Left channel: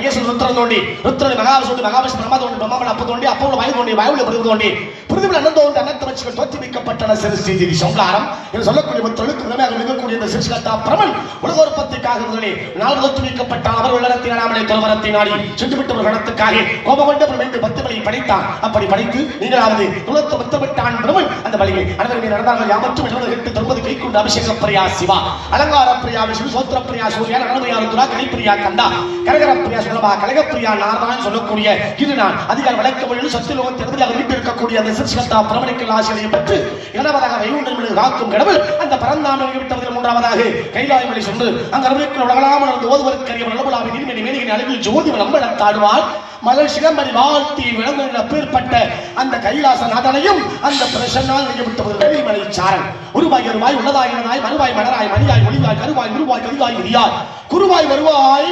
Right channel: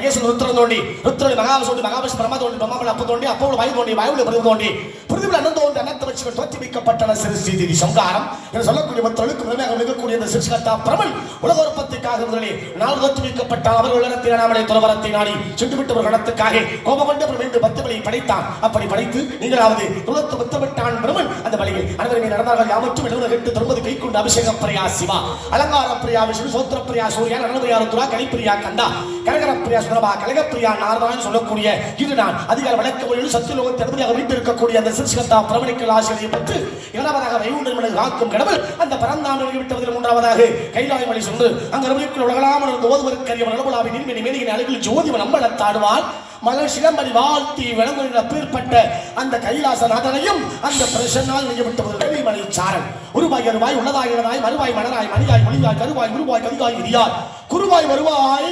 தோன்றி மகேஷ் ருத்ரன் தோன்றி ருத்ரன் மகாவிஷ்ணு மகாவிஷ்ணு பிரம்மா தோன்றி பிரம்மாவன் அப்ப தோன்றி அப்போ வாயு தோன்றி வாயுல பிரிவு தோன்றி பிரிவில் அனந்த தோன்றி அனந்த வச்சுகள் தோற்றுவிக்கப்பட்டன சிறு ஸ்ரீதேவி சங்காரம் என்று சொல்லக்கூடிய பத்தொழுக்கு மேலாக நிற்கக்கூடிய இந்த சிறுசிகத்தா பிரமன் உலக உற்பத்திக்காக இருந்தவரே நாள் தோற்றுவிக்கப்பட்ட அவர் உள்ளத்தின் நாமனை துறவரத்தை நாடி சென்று இடத்துக்காக கடத்துக்காக கோபகொண்ட பிரமித்து பத்து வழியை படைத்தார் அப்படி படைத்து நீங்களாவது துளத்து பத்து விட்டான் பிரமன் அந்த வழியில் அனந்தவழி நடந்தார்கள். யாமற்றும் எழுபது எட்டு தொன்பது கை கொண்டு அபிஷேக பிரியா சிவா அலங்கார பிரியா விஷ்ணு சோத்திர பிரியா சூரியன் அனந்தயா ருத்ரா கனிப்பிரியா கந்தா கரகர பிரியா சுரபா கனக பிரியா நாரதான் சொல்லக்கூடிய இது நான் அதிகார விளக்க மொழியில் சத்துலோகத்தை இறுதியாக வீட்டிருக்கக்கூடிய அந்த சிறுசிகத்தா பிரமணிக்கல் ஆசிரியை பெற்று இரண்டாவதாக வைகுண்டங்களை காக்கும் கடவுள் அந்த பரந்தாமல் விட்டவர்கள் மூன்றாவதாக கைலாய மலை சென்று அங்கு அறிவிக்கிற உலகலாமல் அந்த ஓதுவதற்கரிய நடுவலாவின் நீர்மணி மேலின் அழகில் ஜோதி நம்பளத்தாடுவாள் மலர் சிலம்பரி வாழ்த்தி விளங்குகிற பேர்பட்ட அந்த கைலாசநாதனையும் அந்த பிரசன்னால் நிகழ்த்தது வெளிமலை சாரன். உருவாய் அருவாய் உள்ளதாய் உள்ளதாய் மறுவாய் மலராய் மணியாய் ஒளிவாய் கருவாய் உருவாய் கருவாய் விரியாய் குருவாய் வருவாய்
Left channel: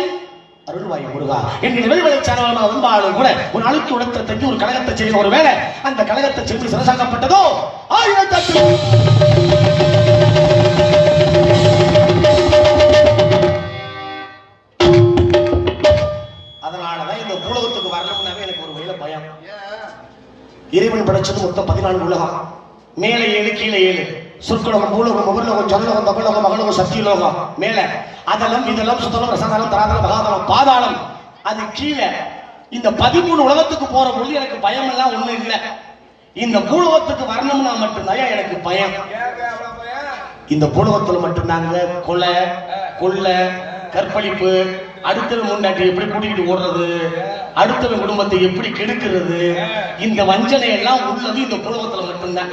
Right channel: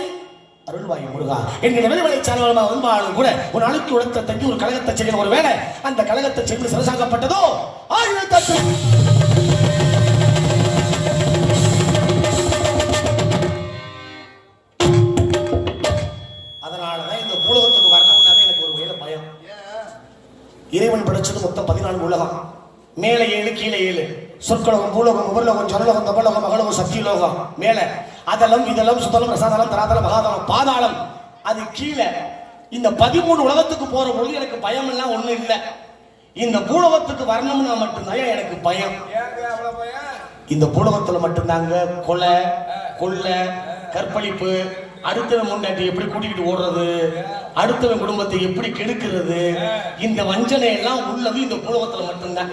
அருள்வாய் முருகா என்கிற வெளிமலை சாரமாக வந்தாலும் கூட ஒரு அழுக்கு உடத்தை தங்கி ஒரு கழகத்தை செய்யும் ஒரு வேலை அந்த கழகத்தை செய்து சிறசாகப்பட்டதோ ஆயிரத்தி படைச்சது உலகம். மேலே ஏழு கீழே ஏழு. சொற்கலகம் பூலகம் உபர்லகம் ஜனலகம் தபலகம் மகளகம் சத்தியலோகம் மேல. அதலம் இதெல்லாம் சுத்தலம் ரசதலம் தராதலம் மகாதலம் பாதாளம். அது கீழே. இந்த பதிமூணு உலகத்துக்கு போற பொழுது எனக்கு பயம் எல்லாம் ஒண்ணு இல்லை. இந்த பூலகத்துக்கு வரணும்னா மட்டும்தான் எனக்கு பயம். இந்த பூலகத்துல மட்டும்தாங்க கொலை கொள்ளை கற்பழிப்பு அடுத்த முன்னாடி எப்படி கூட்டிகிட்டு ஓடுறது? அடுத்தவன் குடும்பத்தை எப்படி கெடுக்கிறது? இந்த வஞ்சனை எல்லாம் உள்ளது இந்த பூலகத்துல மட்டும்தான்.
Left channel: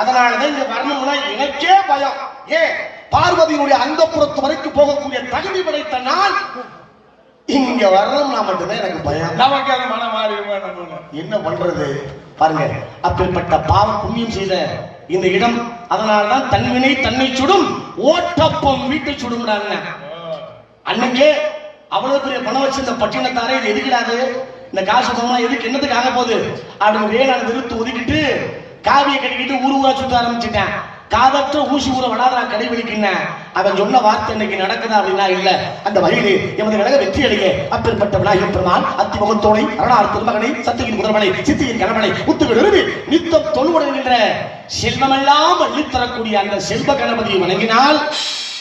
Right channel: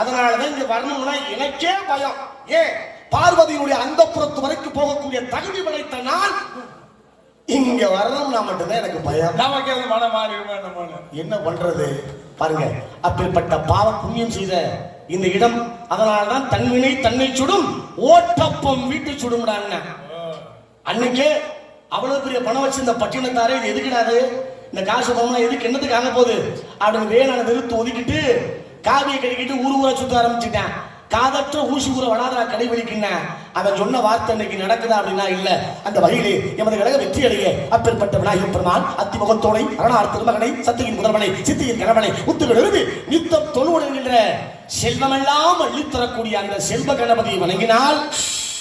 அதனாலதான் இந்த வரணும்னா எனக்கே பயம். ஏன் பார்வதியினுடைய அந்த புறத்து வரைக்கும் போகக்கூடிய தகுதி படைத்த நான் இங்க வரணும்னா மட்டும்தான் எனக்கு பயம். என்ன பண்றது? பாருங்க அப்பேற்பட்ட பாவம் புண்ணியம் செய்த இந்த இடம் அதனால்தான் தன்வினை தன்னை சுடும் ஓட்டப்பம் வீட்டை சுடுங்கிறாங்க அன்னைக்கே அவ்வளவு பெரிய பணம் வச்சிருந்த பட்டினத்தாரே இது எதுக்கிடாது இந்த காசு பணம் எதுக்கு என்னத்துக்கு ஆக போகுது? அப்படின்னு வேளாண் விருத்து ஒதுக்கிட்டு காவியை கட்டிக்கிட்டு ஊர் ஊரா சுத்த ஆரம்பிச்சுட்டேன். காதற்ற ஊசி ஊற வடாதா கடைபிடிக்கின்றேன் அவன் சொன்ன வார்த்தை இன்னைக்கு நடக்குதா அப்படின்னா இல்ல. அந்த வகையில் எமது கழக வெற்றி அடைய. அப்பேற்பட்ட விநாயகர் பெருமான் அத்தி முகத்தோனை அரணார் திருமகனை சத்தியின் முதல்வனை சித்தியின் கணவனை முத்துவிடு நித்தம் தொழுவுடுகின்ற செல்வமெல்லாம் அள்ளித்தரக்கூடிய அந்த செல்வ கணபதியை வணங்கினால்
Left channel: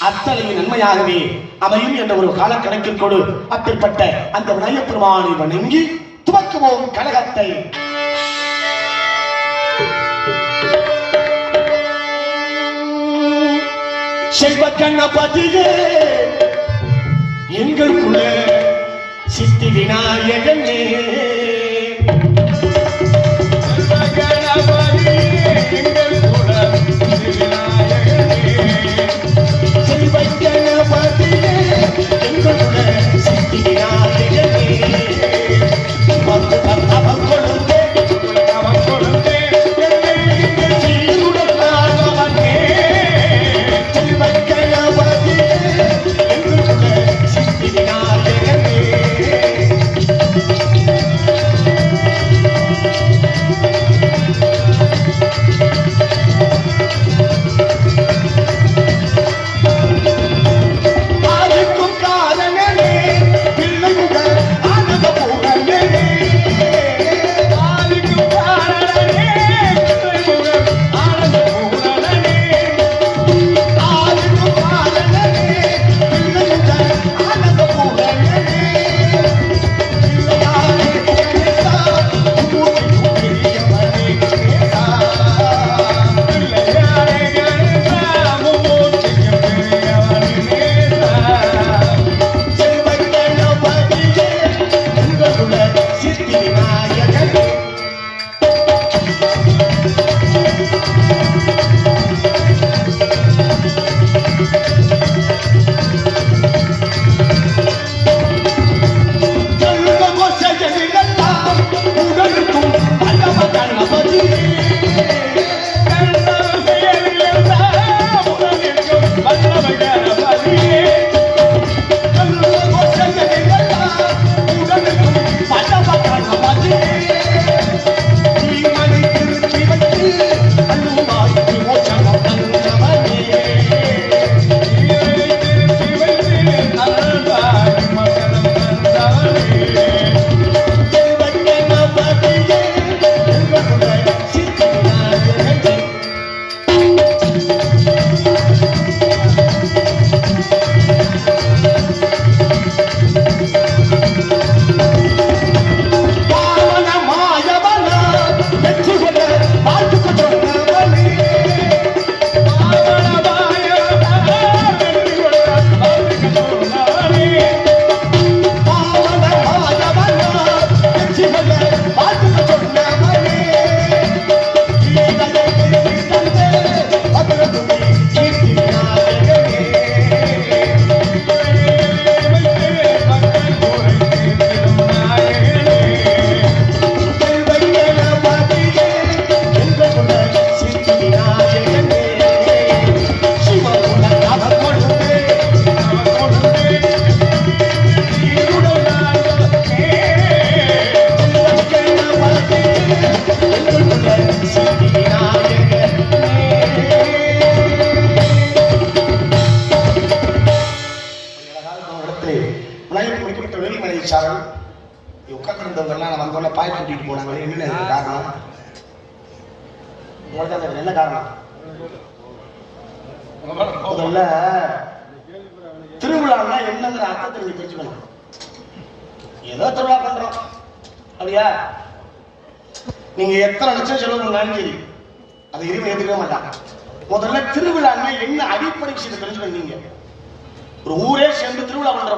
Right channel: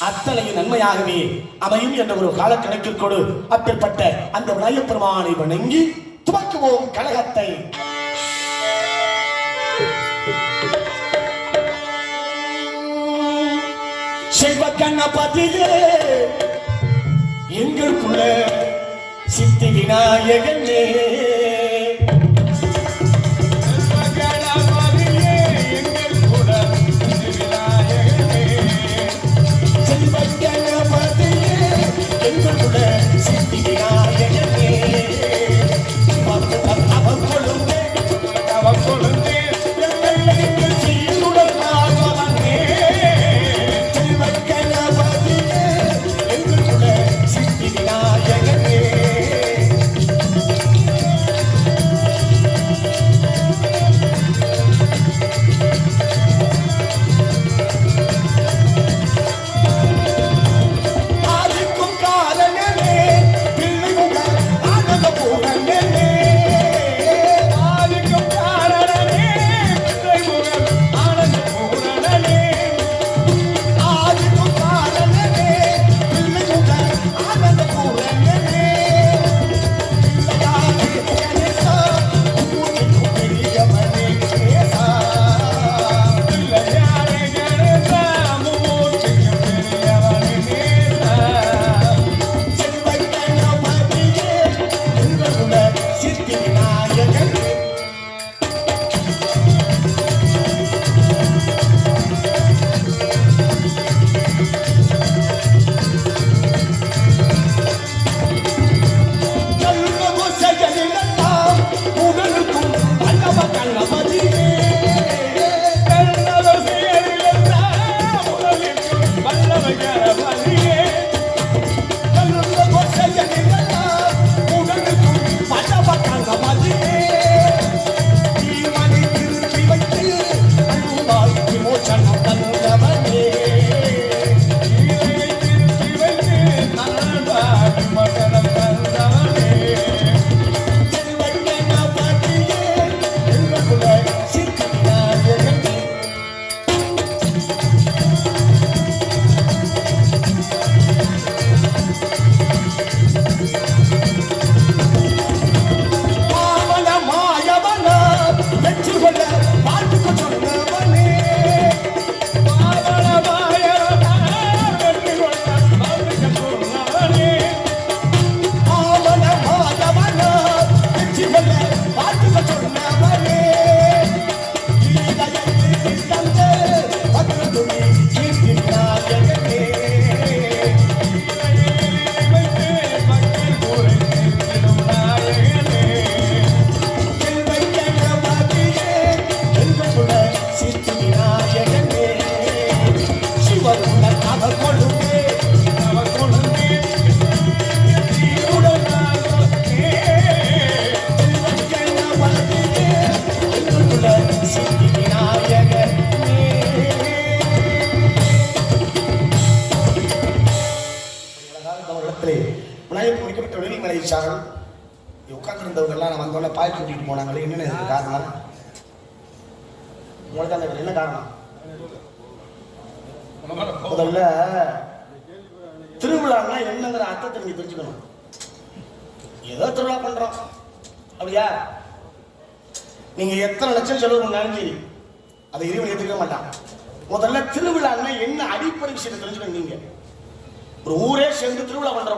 அத்தனை நன்மையாகவே அமையும் என்ற ஒரு கால கணக்கிற்கோடு அப்படிப்பட்ட அந்த விநாயகப்பெருமானை வணங்கி துவக்குவோம் கழகத்தை. செல்வ கண்ணபதியே எங்களுக்குள்ள சித்தி விநாயகனே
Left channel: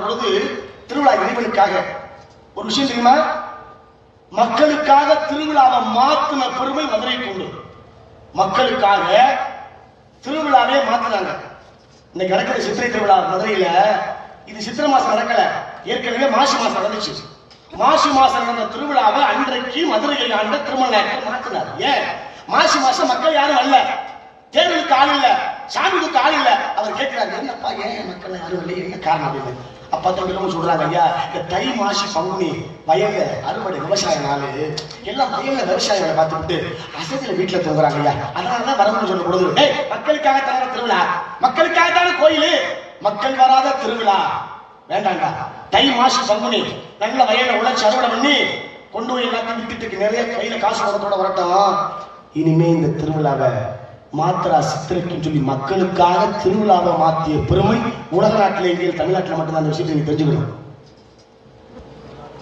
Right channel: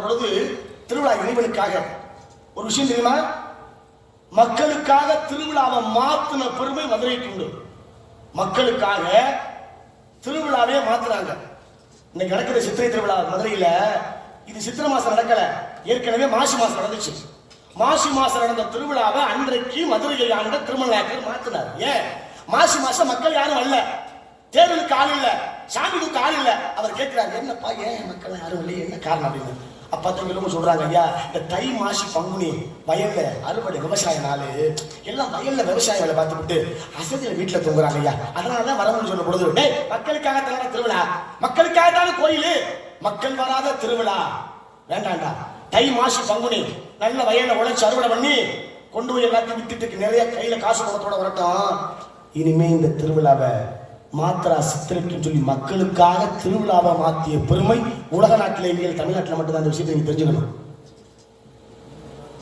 பொழுது திருவிழா இறைவனுக்காக ஒரு விஷயம் தெரியுமா? மக்களுக்காக திருவிழாவை மாத்தின பெருமை மதுரைக்கு உண்டு மக்களுக்காக திருவிழாவே மாத்தினாங்க. இன்னைக்கு நடக்கிற சித்திரை திருவிழா மதுரையில இது சித்திரை மாசம் நடக்கல. ஏற்கனவே மாசி மாசம் நடந்துச்சு. மாசி மாசம் நடந்த திருவிழாவை அன்றைக்கு மதுரையை ஆண்ட திருமண நாயக்கர் மாத்தினார். ஏன்? மாசி மாசம் மக்கள் யாரும் அல்ல. தேர்தலுக்கு ஆள் இல்ல. சாமிக்கு ஆள் இல்ல. அவர் கேட்கிறாங்க என்னப்பா ஏன் மக்கள் யாரும் இல்லை என்ன காரணம் அப்படின்னு? அப்பா தொழிலும் சொல்றாங்க ஐயா இந்த தை மாசி பங்குனி வயல்ல அறுவடை விவசாய நாள் எல்லாம் வயல்ல விவசாயிகளை பார்த்துக்கிட்டு பார்த்துட்டு அசதியில வீட்டுல தூங்குறாங்க ஐயா. அதனாலதான் வரணும்னு சொல்லும் பொழுது மக்களுக்காக தானே திருவிழா? மக்களுக்காக தானே கோயில்? மக்கள் வராத திருவிழா. வேண்டாம்டா தை மாசி பங்குனி நல்ல வயல்ல உழைச்சி அறுவடை பண்ணி கொண்டு போய் எல்லாத்தையும் வித்துட்டு நிறைய கையில காசு வரத்தோட வரட்டும். இனிமே இந்த திருவிழாவை மாத்திரா சித்திரைக்குன்னு சொல்லி மக்களுக்காக திருவிழாவை மாற்றிய பெருமை உலக நாட்டிலே எங்கே தமிழ்நாட்டில் மட்டும்தான் அந்த விஷயத்தை நீங்க தெரிஞ்சுக்கணும்.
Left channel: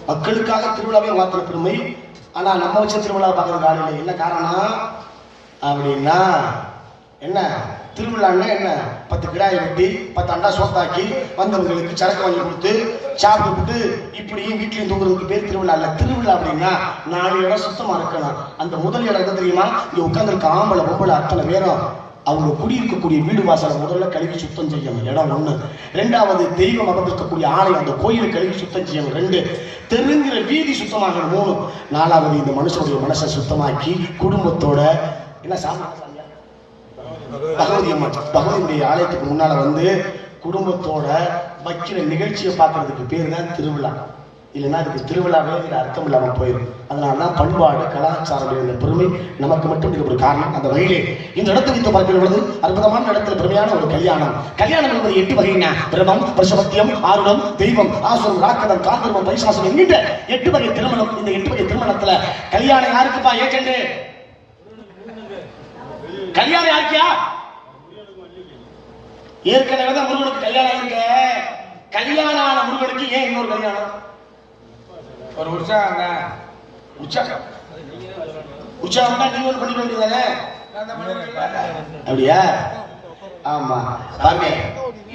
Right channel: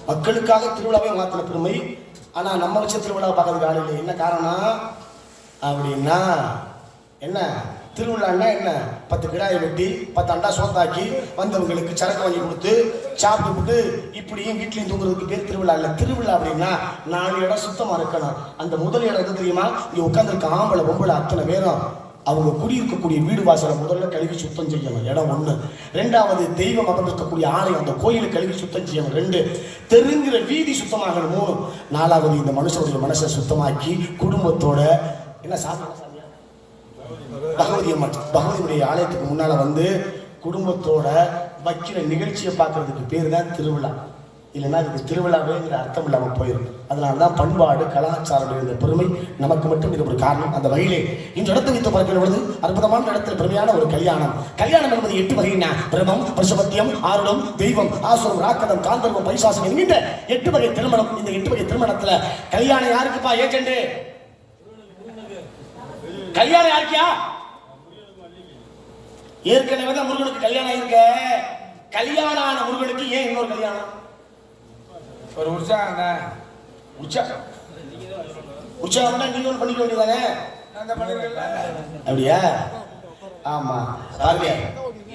மக்களுக்காக திருவிழாவை மாத்திர பெருமை ஆனால் நம்ம வச்ச திருவிழாவை பார்க்கறதுக்கு ஆள் இல்லை. என்ன காரணம்? அப்படின்னா என்ன? திருவிழான்னா என்ன? பத்து கிடாயை வெட்டி பத்து அண்டா சோப்பாக்கி வந்தவங்களுக்கு சரக்கு வாங்கி கொடுத்து சாப்பிட்டு இப்படியும் வீட்லையும் தூங்குறதுக்கு பேர் திருவிழா இல்லை. திருவிழா அப்படின்னா நாலு இடம் சுத்தமாக இருக்கணும். அந்த முதல் இடம் எது தெரியுமா? இங்கே உட்காந்துருக்க ஆம்பளை பொம்பளை அத்தனை பேரும் அவங்க குடியிருக்கக்கூடிய வீடு வாசலை முதல்ல கழுவி சுத்தம் செய்யணும். இடம் ஒன்று ரெண்டாவது தெய்வம் அமர்ந்திருக்கக்கூடிய ஆலயம். அந்த கோயிலை கழுவி சுத்தம் செய்யணும். ரெண்டு தெருங்கிற வீதி சுத்தமாக மூணு நாலாவது இந்த மனுஷனுடைய மனசை சுத்தமாக்கி குடும்பத்தோட என்ன சாமி? பகவதி அம்மன் பகவதியுடைய ஆலயத்துக்கு முன்னால வந்து குடும்பத்தோட வைக்கிற நிகழ்ச்சியை பார்க்கறதுக்கு பேர் தான் திருவிழா. இல்லைன்னா அதுக்கு திருவிழாவேங்கிற அர்த்தம் இல்லாமல் போயிடும் அதனால தான் பண்பாடு கலாச்சாரம் இந்த பெருமை நமக்கு மட்டும் இது ஒரு காரணம். அந்த வகையிலே இந்த இடத்தை வைத்து பார்க்கிற பொழுது அற்புதமான இடத்துல பெருமையான ஒரு கல்யாணம். கல்யாணம் என்பது எட்டு வகையின பிரமம் பிரசவத்தியம் ஆர்வம் தெய்வம் ஆசுரம் ராக்கணம் காந்தர்வம் பைசாசம் என்கின்ற எட்டு வகை திருமணம் இந்த எட்டு வகை திருமணத்துல. கல்யாணம் யாருக்குப்பா ஏஜென்ட் கல்யாணம் யாருக்கியா? ஏற்கனவே தான் முருகனுக்கு கல்யாணம் ஆயிருக்க. கல்யாணம் ஆன முருகனுக்கு ஏன் இன்னொரு கல்யாணம்? ஒரு உற்சாகம் உற்சாகம். உற்சாகம். தான் நீங்க பண்ணிக்க வேண்டியதானே அப்படியா? ஆமா. பாருங்க.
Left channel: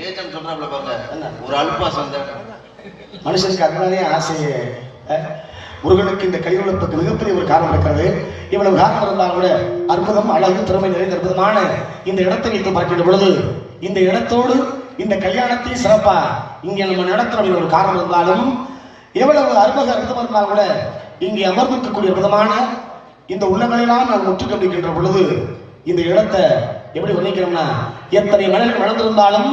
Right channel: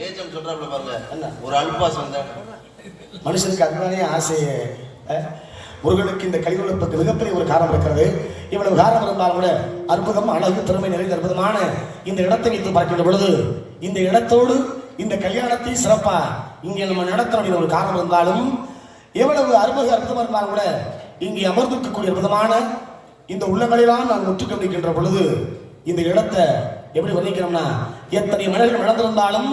ஏஜென்ட் சொல்றாப்ல பாருங்க. என்ன? ஒரு அல்பாசம் தான் மனுஷனுக்கு அதனாலே ஆசை. அஹ், முருகனுக்கு இந்த கலியுகத்துக்கு மிகப்பெரிய ஒரு காரணம் இருக்கிறது. இவ்வளவு காரணம் இருந்தால் கூட அற்புதம் அழகு திறமை நிறைந்த அற்புதமான இந்த இடத்தை வைத்து பார்க்கின்ற பொழுது இந்த இடத்தோடு இந்த கல்யாணத்தை சிறப்பா இங்கே நம்ம நடத்த வேண்டிய ஒரு காரணம் இருந்தாலும் எவ்வளவு அற்புத அற்புதம் இருந்தால் கூட இங்கே அமர்ந்திருக்கக்கூடிய விதமான இந்த உள்ளங்களெல்லாம் நான் முற்று பொழுது இந்த இடத்தை எப்படி வர்ணிக்கிறோம்னா எத்தனை மலர்கள் வளர்ந்திருந்தாலும்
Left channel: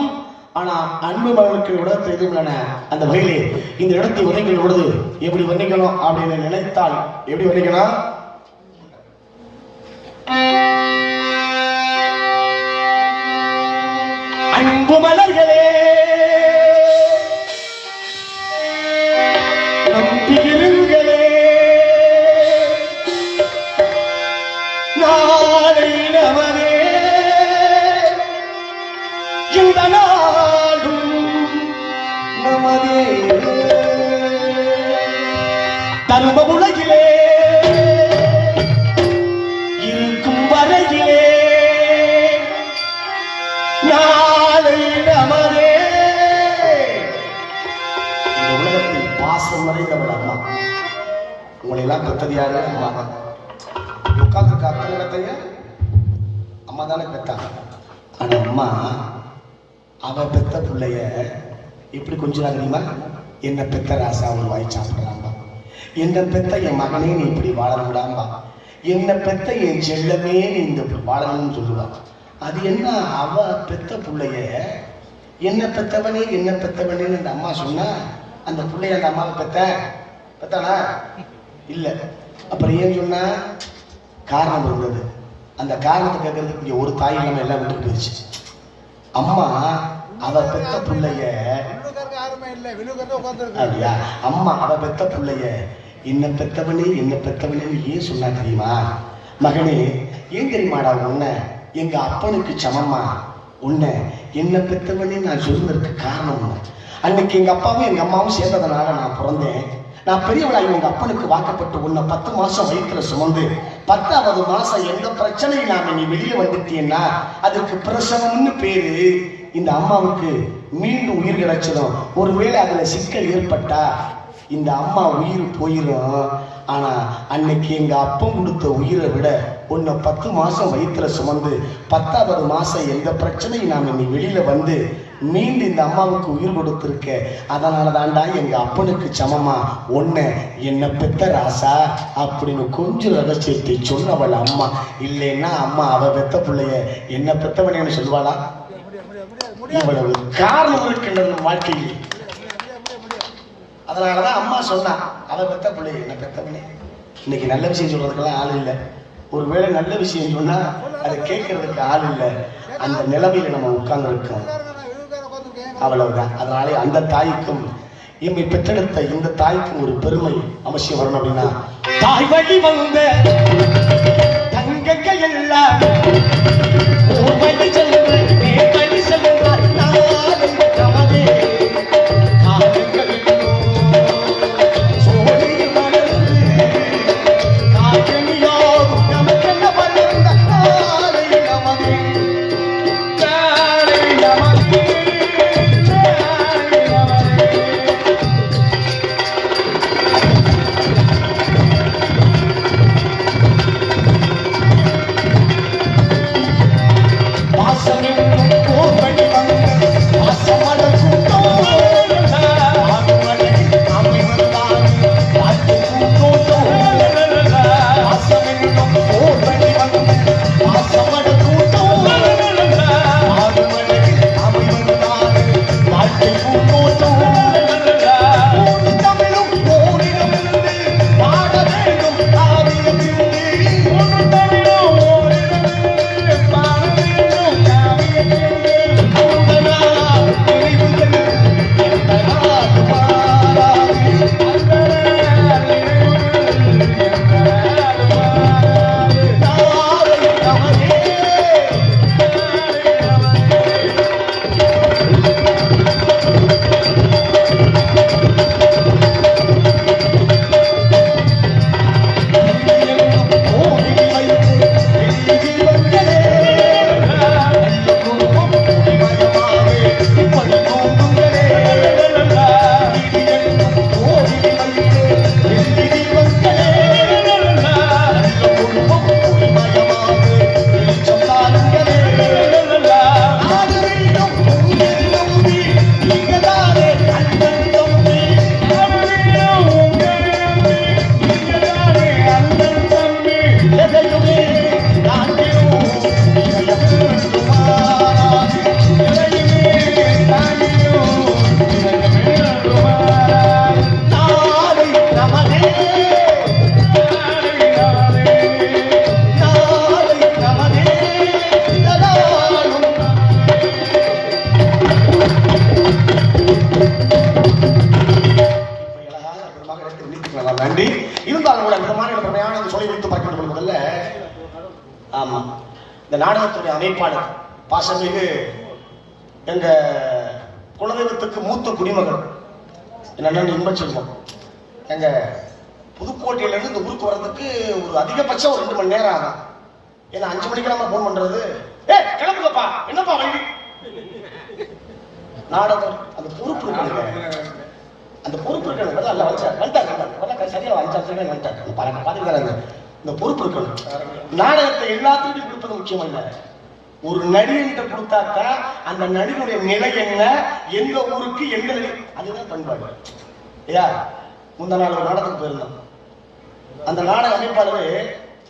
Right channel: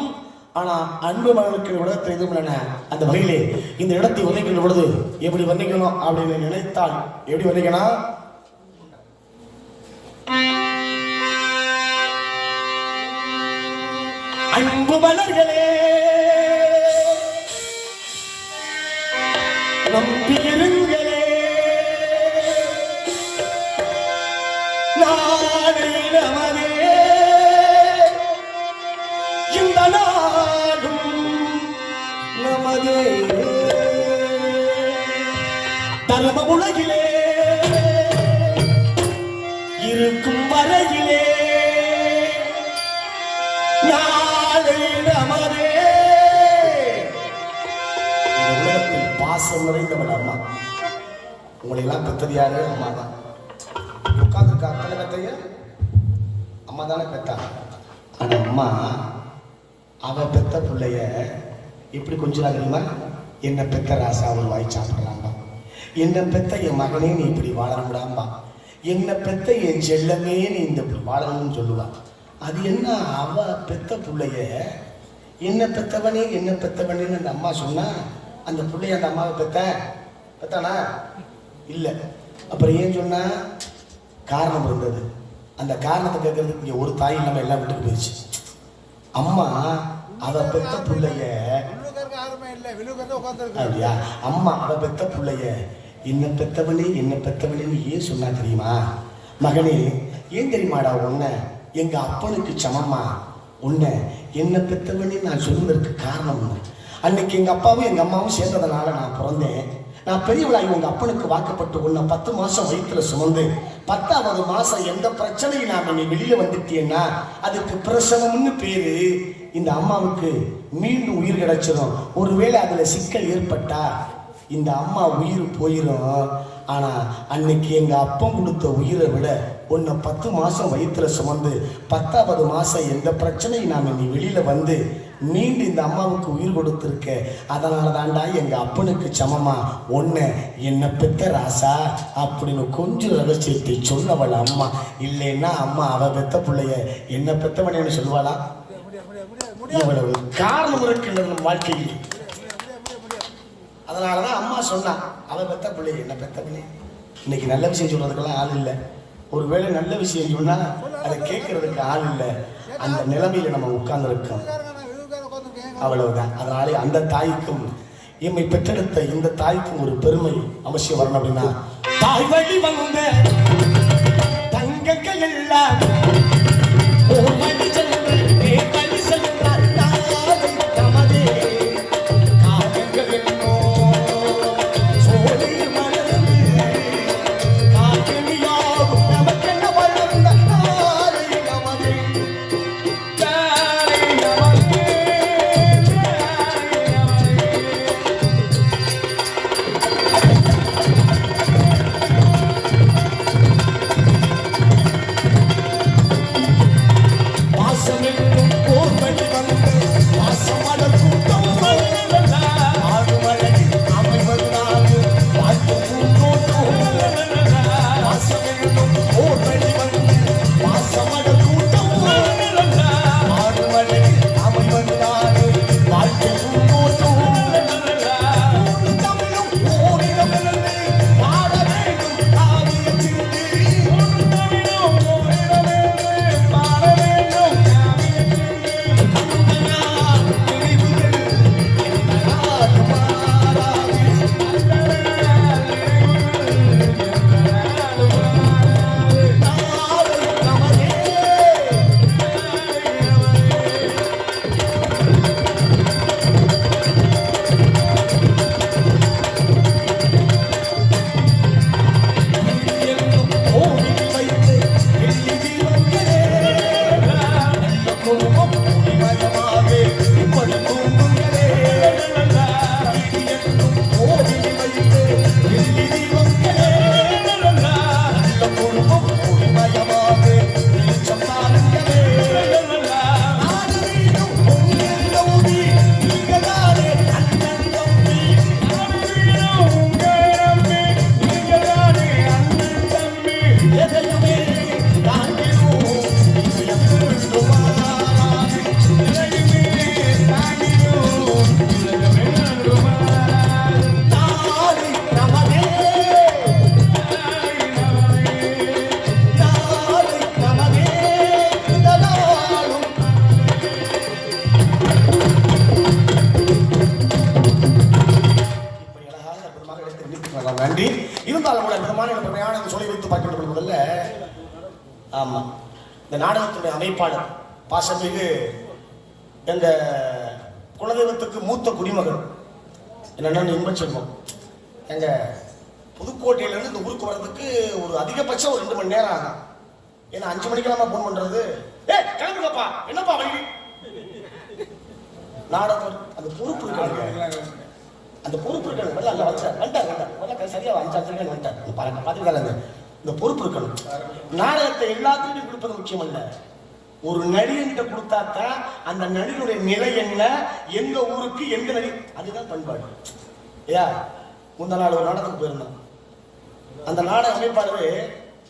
ஆனா அன்பு மகளுக்கு இடத்தை எதிர்ப்பு அந்த வகையிலே இந்த இடத்தை வர்ணிக்கின்ற பொழுது எப்படி வர்ணிக்கணும் அப்படின்னு நினைத்தால் எப்படி வர்ணிக்கணும் அன்பு மலர்களே எல்லாம் பெற்றது யாரு அம்மா தான் உட்கார்ந்துருக்க அத்தனை கத்தையும் அம்மா தானே பெற்றாங்க ஆனால் அம்மா அவ பெத்த பிள்ளைய எப்படி கொஞ்சம் தெரியுமா? என்ன பெத்த ராசாவும் வாய் சாப்பிடுறாங்க. என்ன பெத்த என் மகனே நீ இப்படி வாழக்கூடாம்பா என்னை என்ன பெத்த என் செல்லமே நீ இந்த வாழணும்னு சொல்லுவான். அது என்ன? அவ பெத்த பிள்ளைய என்ன பெத்தவனே என்ன பெத்தவனேன்னு அந்த அம்மா சொன்னா அந்த பிள்ளைய அந்த அம்மாவை பெத்த? பெத்தானா? இல்லை. அப்புறம் ஏன் சொன்னால் காரணம் இருந்தது அந்த காரணத்தை கேட்கறதுக்கு இங்கே ஒரு தாய் நம்ம எல்லாம் விட்டு போயிடுச்சு அம்மா அவ பெத்த பிள்ளைய யாருமே இல்லை அப்படியா? அம்மா அவ பெத்த பிள்ளைய என்ன பெத்தவனே என்ன பெத்தவனே ஏன் சொன்னா தெரியுமா? மகனே ஏன் தெரியுமாடா உன்னை? எங்க அப்பனுக்கு சமமா? உன்னை என்ன பெத்தவனே நான் சொல்வதற்கு காரணம் அன்னைக்கு எங்க அப்பாவும் எங்க அம்மாவும் சேர்ந்ததுனால நான் பிறந்தேன். நான் பெரியவளாய் எங்கள் அப்பனுக்கு வாக்கப்பட்டு உன்னை பத்து மாதம் வயிற்றுல சுமந்து பத்தாவது மாதம் எந்த பிரச்சனையும் நாம நீ வெளியே வந்துட்டீன்னா அதுக்கு பிரசவம்னு பேரு. இந்த அம்மாவுக்கு மீண்டும் உயிர் கிடைச்சிடும் ஒருவேளை அதில் சிக்கல் ஏற்பட்டா இந்த அம்மா உயிர் போயிடும் ஆனால் அன்னைக்கு எங்கள் அப்பம் கொடுத்த உயிரை விட உன்னை பத்து மாதம் வயிற்றில் சுமந்து பத்தாவது மாதம் எந்த பிரச்சனையும் நாம நீ வெளியில் வந்து மீண்டு இந்த அம்மாவுக்கு உயிர் கொடுத்துருக்க. அதனால தான்டா எங்கள் அப்பனுக்கு சமமா. ஒன்று என்னை பெத்த ராசா அப்படின்னு கொஞ்சம் ரகசியத்தை சொன்னவள் அம்மா. இல்லைன்னா அம்மா அவள் பெத்த பிள்ளைய என்ன பெத்தவனேன்னு சொல்வாளா இவ்வளவு காரணம் இருக்கின்றது வாழ்க்கையில் அதனால தான் அம்மா சொன்னான் அவள் பெத்த பிள்ளை என்ன பெத்தவனே இன்னைக்கு நல்ல விஷயம் சொல்றதுக்கெல்லாம் ஆள் இல்லை. ஒருவேளை நல்ல விஷயம் சொன்னால் அதை கேட்கறதுக்கு ஆள் இல்லை. அந்த நிலைமையில நம்ம உட்கார்ந்துருக்கோம். அவ்வளவுதான். அதனாலே அந்த தாய்க்கும் எம்மை பெற்றெடுத்த இந்த தாய்க்கும் ஒரு பெருமை அவசியம் வரணும் அப்படின்னா தாய் வழி வந்த தங்க கையில் நன்றி. இருந்தாலும் கூட அற்புதமான ஒரு பிரயாணம் சொல்லி கொடுத்து பார்க்க வேண்டும் முதல்ல ஆமா. இந்த நாடகத்துடைய அமைப்பாளர் பாசமிகு எங்க குலதெய்வத்துக்கு மூத்த குடிமகன். என்னென்ன இன்பச்செல்வம் எங்க புதுக்கோட்டையிலேருந்து இந்த ஊருக்கு வர்றதுக்கு ஒரு அதிகபட்சம் ஒரு ரெண்டு மணி நேரம் ஆகும். ஏன்னா அஞ்சு மணிக்கு நம்ம ஃபோன் பண்றது. ஏ கிளம்புங்கப்பா. என்னப்பா வழி? நாடகம் அந்த பொறுப்பு அந்த பொறுப்பு இருக்கணும் அதான் எல்லாம் வச்சார் வந்துட்டார் வந்துட்டார் சரியா அஞ்சு அஞ்சு வந்துட்டார் பாருங்க இந்த பொறுப்பு இருக்கணும் நாடகத்தை எல்லாத்துக்கும் கொடுப்பது முக்கியம் இல்ல ஒரு நடிகர்கிட்ட கொடுத்தாக்கா அந்த நடிகருடைய நிலை என்ன? எந்த ஊருக்கு எந்த நிலை அதுதான் பண்பாடு. ஐயா முந்தா நாள் ஒரு நாடகத்துக்கு போயிருந்தோம். அந்த நாடக அமைப்பாளர்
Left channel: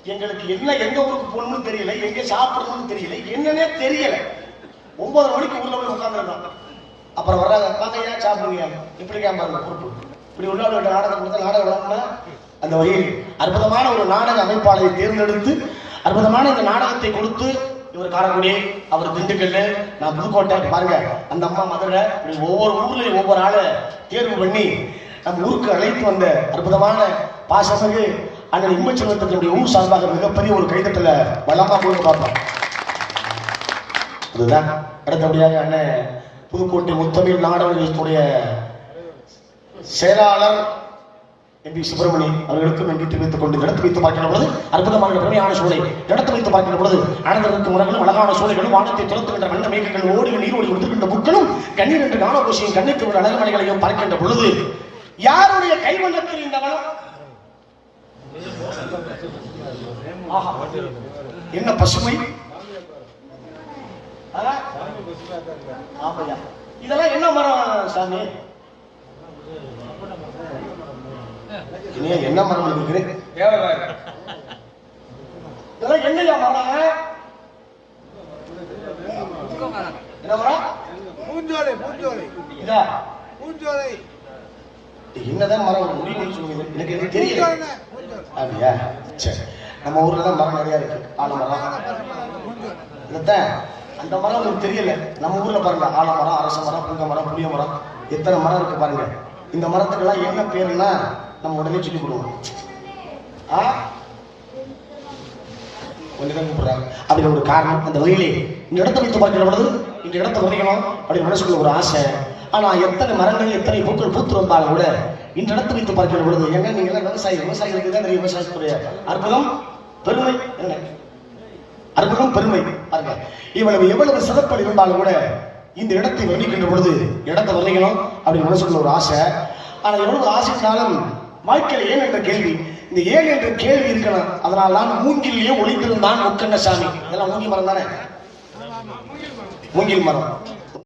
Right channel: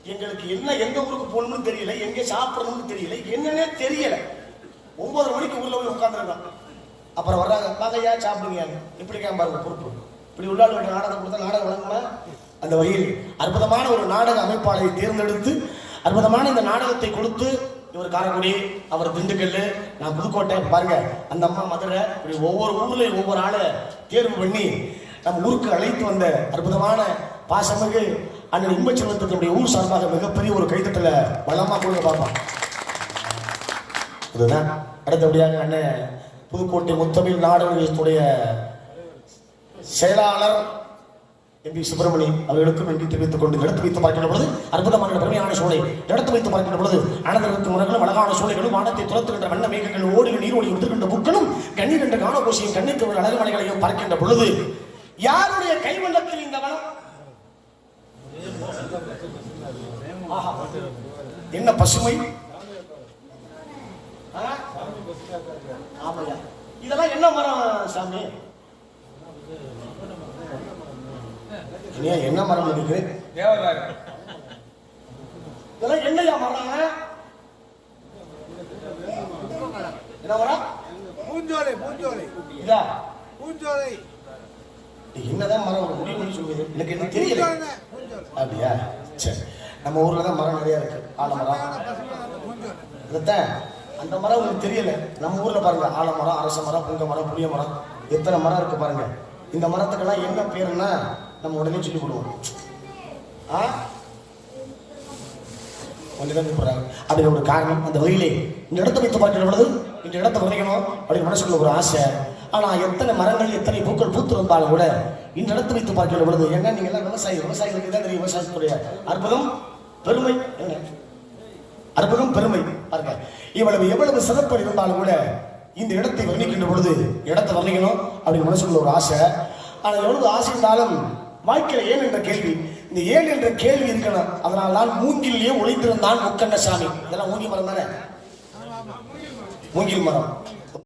எங்களுக்கு என்ன எந்த ஊருக்கு போகணும்னு தெரியல எங்க சாப்பிடணும்னு தெரியல என்னன்னே தெரியல. ஒன்பது மணிக்கு உள்ள போய் உட்காந்துருந்தான் அப்புறம் வர்றாங்க பாக்கையா சாப்பிடுங்க இப்படி கேட்பாங்க பொறுப்பு இப்படி உள்ளாட நாடகம் கொடுத்து நாடகம் வளர்க்கல அந்த வகையில் அற்புதமான ஒரு நாடக அமைப்பாளரை தேர்ந்தெடுத்து அற்புதமான இந்த நாடகத்தை கொடுத்து இவர் காரக்குடி அவர் திண்டுக்கல் நான் புதுக்கோட்டை பாருங்க அந்த அம்மா மதுரை ஒவ்வொரு ஊர்லயும் ஒவ்வொரு ஆளை தேர்வு பண்ணி நம்ம ஊருக்கு அழைத்து வந்த அற்புதமான பாசமிகு அண்ணன் இம்மச்சலத்தினுடைய ஊர் சார்பாக மிகப்பெரிய ஒரு கைதட்டல பலமா போய் பார்ப்போம் அதுதான் அடுத்தபடியாக அண்ணன் புதுக்கோட்டை முத்தமிழ் நாடகத்துடைய செயலாளர் எம்பி சுப்பிரமணியம் அவர்களுக்கும் நன்றி தெரிவித்துக் கொண்டு நடத்தி வைத்து பார்க்கிற பொழுது அற்புதமான பெருமையான சூழலை நடத்தி வைத்து பார்க்கிற பொழுது அனந்தருக்கு உரங்களும் அழகான சூழல்களும் வானத்தை துரத்துகின்ற நல்ல மேகங்கள் ஓடுகிற நீர் ஓடி உதிர்கின்ற கண்ணீர் என்ற காணகோஷியும் கண்ணீர் என்ற அழகுமணிகளையும் பார்க்கின்ற பொழுது யாருடைய கைவண்ணத்தில் இந்த வளம்? என்ன பசுமை? ஆமையா. இதெல்லாம் என்ன மரம் சாமி? என்ன மரம் இருக்கு தேவராஜ் இதெல்லாம் என்னையா மரம் என்ன மரம்? பூஞ்சோலை பூஞ்சோலை. இதா? பூஞ்சோலை. என்னதான் மரம் எனக்கு தெரியல. அப்படியா? சரி. நம்ம ஊர்ல தான் மரம் நிறைய இருக்கு. ஆலமரம். அந்த மரம் உங்களுக்கு தெரியல. நம்ம ஊர்ல பாருங்க ஆலமரம் அரச மரம் புங்க மரம் புளிய மரம் எத்தனை மரம் இருக்கு பாருங்க. இந்த மரத்துக்கெல்லாம் என்ன பேருன்னா நம்ம உடனே சொல்லி கொடுவோம் ஆ? அப்படி ஒரு காரணம் அந்த வழியிலே இந்த இடத்தை வைத்து பார்க்கிற பொழுது இந்த இடத்தை வரையணும் அப்படின்னு மனசுக்குள்ள ஒரு ஆசை. ஆனா எத்தனை மரங்கள் எத்தனை பூக்கள் பூத்து வந்தாலும் கூட இந்த இடத்தை வைத்து பார்க்கிற பொழுது எங்க நீங்க எல்லாம் விவசாயி விவசாயிகளுக்கு தான் நிறைய விவசாயத்துடைய அற்புதம் பெருமை? என்ன? அற்புதம் பெருமை. பாருங்க இவ்வளவு எவ்வளவு சிறப்படி இருந்தாலும் கூட இந்த இடத்தை வர்ணிக்கின்ற பொழுது இடத்தை வர்ணிக்கணும் அப்படின்னு மனசுக்குள்ள ஒரு ஆசை. ஆனால் எவ்வளவு ஆசைனாலும் வாழ்க்கையில் ஏன் என்ற கேள்வி? இந்த ஏன் என்ற கேள்வி இருக்கணும். அதனால் தான் மூங்கிலேயே முக்கண்ட சாமி இதெல்லாம் மூங்கில் மரம் தானே? மூங்கில் மரம்.